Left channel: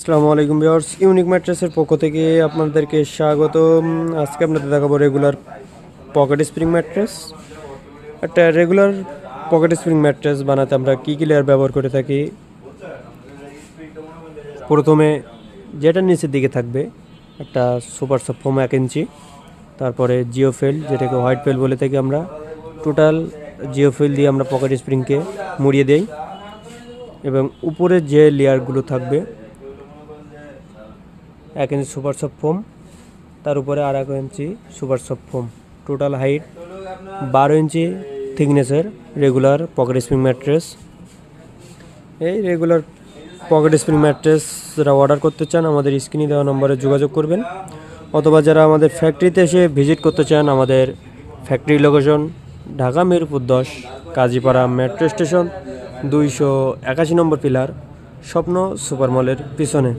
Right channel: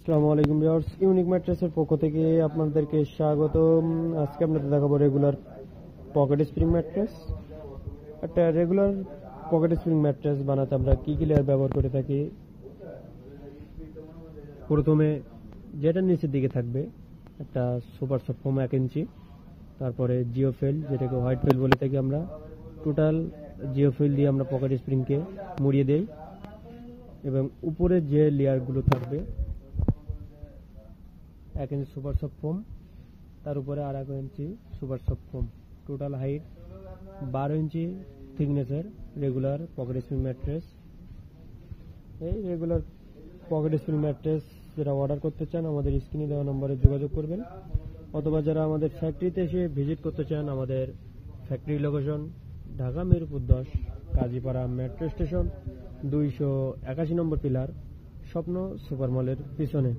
আসসালামু আলাইকুম viewers, unique ম্যাট্রেসের পক্ষ থেকে আপনাদেরকে স্বাগতম। আজকে আপনাদের দেখাবো রেগুলার পকেট স্প্রিং ম্যাট্রেস। একটা রেগুলার পকেট স্প্রিং ম্যাট্রেস বানাতে আমরা কী কী লেয়ার ব্যবহার করে থাকি। প্রথমে যেটা নিচের দিকে থাকবে একটা সুপার সফট ফোম 1 ইঞ্চি, তারপরে জিওফেল, যেটাকে হোয়াইট ফেল বলে থাকি আমরা। টোটাল জিওফেল দিয়ে আমরা পকেট স্প্রিংকে মুড়িয়ে দেই এবং উপরে যে লেয়ারগুলো থাকবে 1 ইঞ্চি সুপার সফট ফোম, তার উপরে আর 1 inch super soft foam. Total height 12 inch থিকনেসের রেগুলার পকেট স্প্রিং ম্যাট্রেস। এই রেগুলার পকেট স্প্রিং ম্যাট্রেস যারা অর্ডার করতে চান আমাদের স্ক্রিনে দেওয়া নম্বরে যোগাযোগ করবেন, অথবা যারা আমাদের ফ্যাক্টরিতে এসে ভিজিট করতে চান আমাদের factory location Dhaka Mirpur 10 Kazipara metro station 281 নম্বর পিলার, স্বপ্ন সুপার মলের পিছনে।